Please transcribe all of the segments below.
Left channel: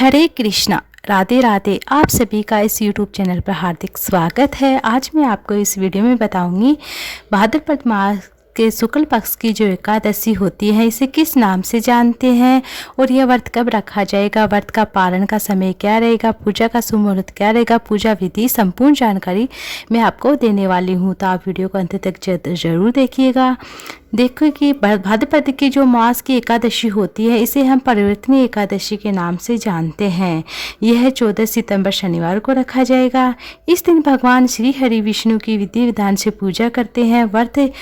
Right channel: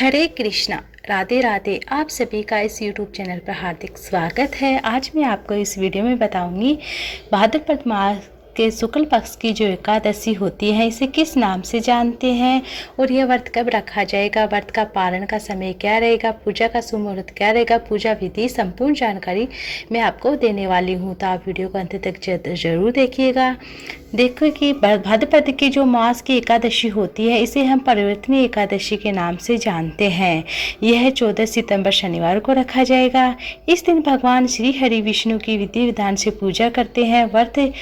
हरे कृष्णा, राधे राधे। आप सभी का इस YouTube चैनल पर हार्दिक स्वागत है। आज मैं आपको इस वीडियो में बताऊंगी भाद्रपद मास के शुक्ल पक्ष की जो एकादशी होती है इसे किस नाम से जानते हैं और यह व्रत कब रखा जाएगा, व्रत का पालन का समय क्या रहेगा, पूजा का शुभ मुहूर्त क्या रहेगा, पूजा विधि, संपूर्ण जानकारी मैं आपको देने वाली हूँ। तो आप वीडियो को अंत तक जरूर देखिएगा। देखो कि भाद्रपद की जो मास की एकादशी होती है इसे हम परिवर्तनीय एकादशी के नाम से जानते हैं। यह 14 सितंबर शनिवार को रखा जाएगा। इस दिन भगवान श्री हरि विष्णु की विधि विधान से पूजा करते हैं, व्रत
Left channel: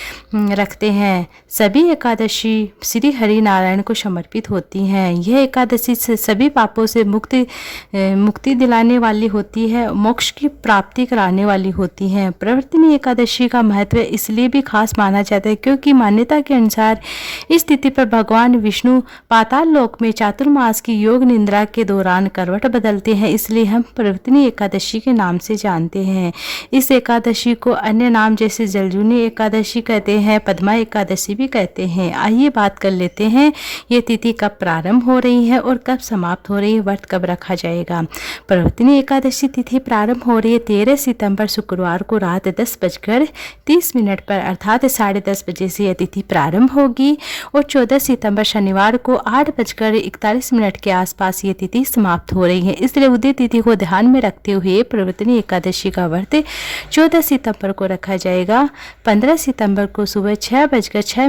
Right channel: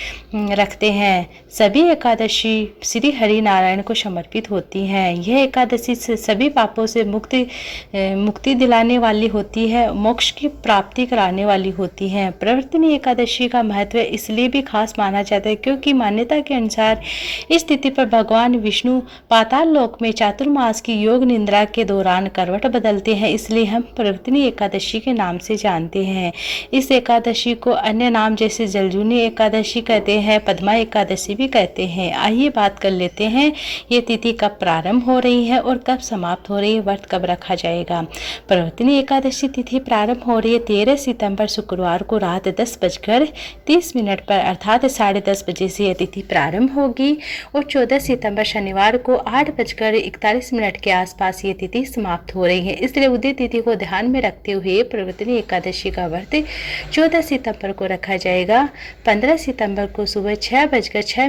रखते हैं। सभी एकादशी श्री हरि नारायण को समर्पित होती हैं। यह एकादशी से सभी पापों से मुक्ति दिलाने वाली होती है, मोक्ष की प्राप्ति कराने वाली होती है। परिवर्तनीय एकादशी का महत्व इसलिए भी खास माना जाता है क्योंकि मान्यता के अनुसार इस तिथि पर भगवान विष्णु पाताल लोक में चातुर्मास की योग निद्रा के दौरान करवट बदलते हैं, इसलिए हम परिवर्तनीय एकादशी के नाम से जानते हैं। इस एकादशी को अन्य नाम जैसे जलजूनी एकादशी कहते हैं, पद्मा एकादशी भी कहते हैं। आइए बात कर लेते हैं ये तिथि कब प्रारंभ हो रही है और कब समाप्त हो रही है, व्रत कब रखा जाएगा। परिवर्तनीय एकादशी तिथि प्रारंभ हो रही है 13 सितंबर शुक्रवार को रात 10:30 पर अर्थात 10:30 बजे से यह तिथि प्रारंभ होगी और 14 सितंबर शनिवार को 8:41 के आसपास ये तिथि समाप्त हो रही है। इसलिए उदय तिथि को ध्यान में रखते हुए परिवर्तनीय एकादशी का व्रत 14 सितंबर को रखा जाएगा। 15 सितंबर को सुबह 6:06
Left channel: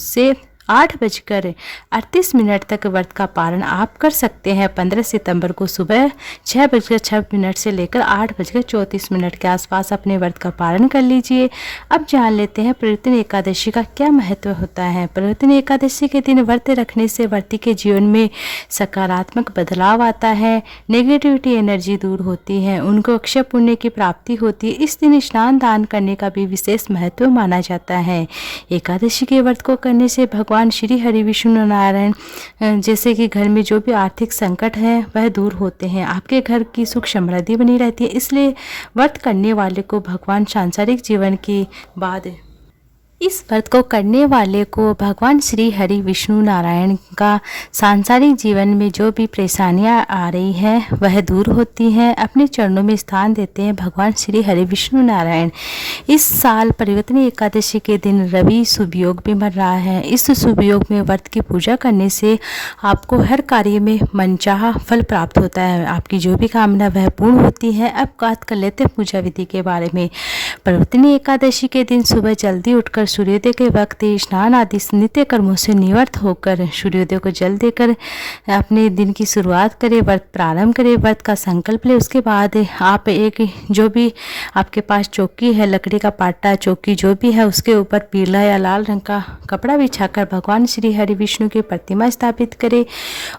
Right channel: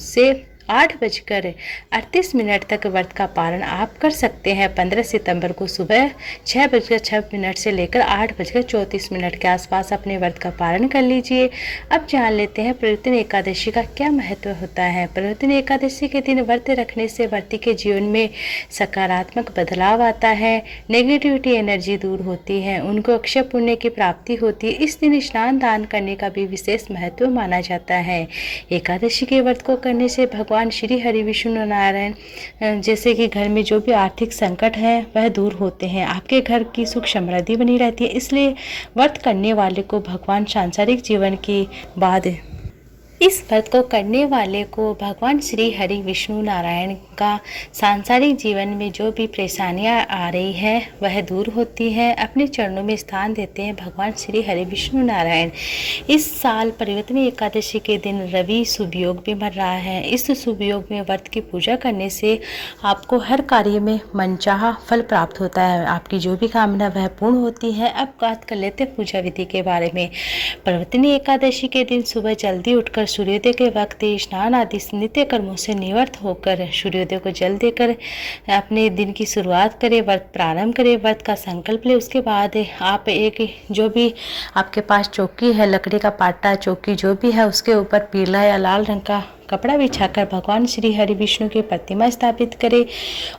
से 8:38 तक व्रत का पालन आप कर सकते हैं। 15 सितंबर को सुबह 6:06 से लेकर 8:34 के आसपास अपने व्रत का पालन कर लीजिए। अब जान लेते हैं परिवर्तनीय एकादशी का क्या महत्व होता है। परिवर्तनीय एकादशी के दिन व्रत रखने से व्रती के जीवन में सकारात्मक बदलाव आता है, नेगेटिविटी एनर्जी दूर होती है, उनको अक्षय पुण्य की प्राप्ति होती है। इस दिन स्नान दान करने का भी विशेष महत्व माना जाता है। एकादशी के व्रत को करने से भगवान श्री हरि विष्णु नारायण जैसे कि घर में जो भी आर्थिक संकट है वह दूर होते हैं, आपके घर की सुख समृद्धि बनी रहती है। इसलिए व्रत करने वाले को भगवान सांसारिक जीवन की बाद इस व्रत को करने वाले को भगवान श्री हरि विष्णु नारायण का सांसारिक जीवन में जो भी परेशानियां आ रही है वह दूर होती हैं, अपने चरणों में स्थान देते हैं भगवान श्री हरि विष्णु नारायण। इस साल परिवर्तनीय एकादशी के दिन रवि शुभ योग भी बन रहा है। इस शुभ योग में व्रत की पूजा करने से आपको हर कार्य में मनचाहा फल प्राप्त होता है, आपकी जो भी कामना वह पूर्ण होती है। अब बात कर लेते हैं पूजा विधि के बारे में। परिवर्तनीय एकादशी के दिन सुबह जल्दी उठकर सूर्योदय के वक्त स्नान आदि नित्य कर्मों से निवृत्त होकर सूर्योदय को जल देकर अपने दिन की शुरुआत करें, व्रत प्रारंभ करें, व्रत का संकल्प लें। उसके बाद आप एक जो भी आपके पास चौकी है, लकड़ी का पाटा चौकी जो भी है, उसके ऊपर पीला या लाल रंग का कपड़ा बिछाकर भगवान श्री हरि विष्णु की प्रतिमा स्थापित करें।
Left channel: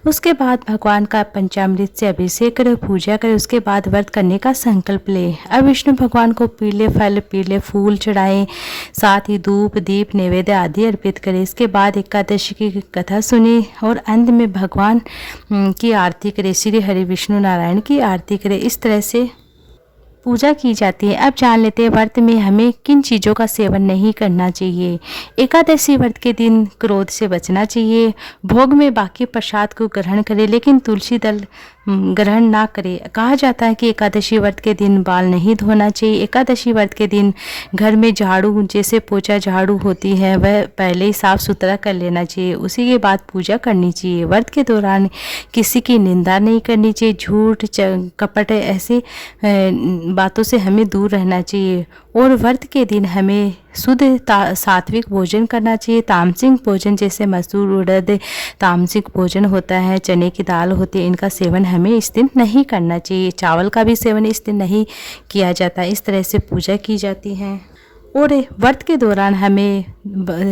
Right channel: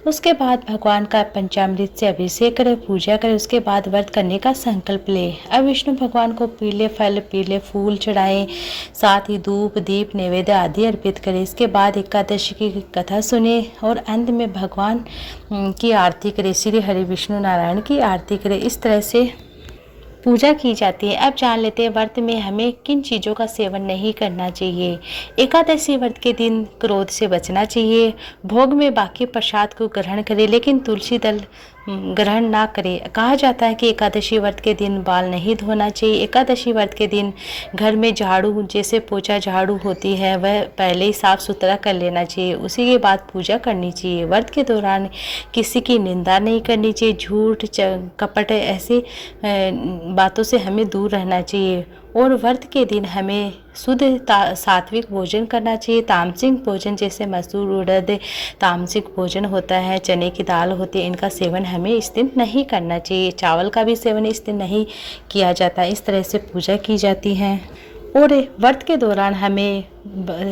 उसके बाद भगवान का पंचामृत से अभिषेक करें, पूजा करें। उसके बाद व्रत करने का संकल्प लें। अब विष्णु भगवान को पीले फल, पीले फूल चढ़ाएं, साथ ही धूप दीप नैवेद्य आदि अर्पित करें। इसके बाद एकादशी की कथा सुने और अंत में भगवान की आरती करें, श्री हरि विष्णु नारायण की आरती करें। इस तरह से पूजा की जाती है। अब जान लेते हैं व्रत में हमें किन चीज़ों का सेवन नहीं करना चाहिए। एकादशी व्रत के दिन क्रोध से बचना चाहिए। भोग में बाकी प्रसाद को ग्रहण करें लेकिन तुलसी दल ग्रहण ना करें। कहा जाता है कि एकादशी व्रत के दिन बाल नहीं धोना चाहिए। एकादशी व्रत के दिन घर में झाड़ू जैसे पोछा झाड़ू होती है वह पहले ही साफ सुथरा कर लेना चाहिए, उसी के बाद पूजा करनी चाहिए। व्रत के दौरान किसी की निंदा नहीं करनी चाहिए, झूठ कपट ऐसे बातों से हमें दूर रहना चाहिए। और व्रत के दिन हमें शुद्ध सात्विक भोजन करना चाहिए। तामसिक भोजन जैसे मसूर उड़द तामसिक भोजन होता है, चने की दाल होती है, इनका सेवन हमें इस दिन नहीं करना चाहिए। चावल का भी सेवन इस दिन नहीं किया जाता। इस तरह से पूजा की जाती है। और व्रत के दौरान हमें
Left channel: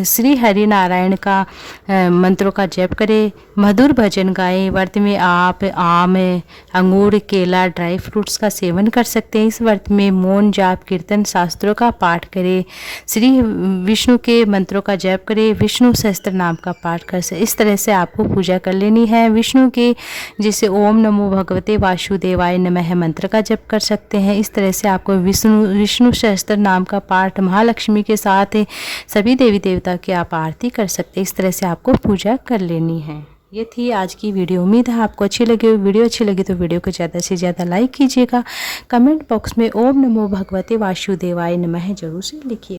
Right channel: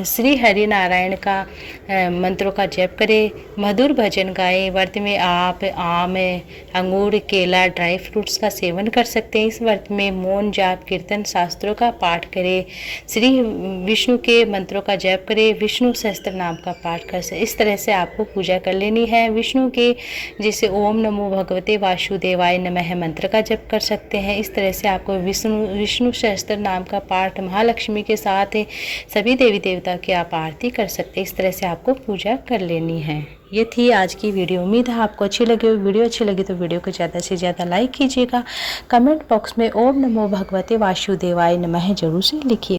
श्री हरि नारायण का मंत्रों का जप करें, मधुर भजन गाएं। व्रत में आप आम, अंगूर, केला, ड्राई फ्रूट्स का सेवन कर सकते हैं। इस व्रत में मौन जाप कीर्तन शास्त्रों का पाठ करें, श्री विष्णु के मंत्रों का जप करें, विष्णु सहस्त्र नाम का पाठ कर सकते। इस तरह से आपको पूजा कर लेनी है। विष्णु के जैसे ओम नमो भगवते वासुदेवाय नमः मंत्र का जप कर सकते हैं। इस तरह से आपको विष्णु सहस्त्र नाम का पाठ महालक्ष्मी के साथ सभी देवी देवता की आप आरती कर सकते हैं। इस तरह से आपको पूजा कर लेनी है। ये थी आज की वीडियो। उम्मीद है आपको अच्छी लगी। वीडियो अच्छी लगी तो वीडियो को ज़्यादा से ज़्यादा लाइक कीजिएगा। कमेंट बॉक्स में ओम नमो भगवते वासुदेवाय नमः जरूर से लिखिए।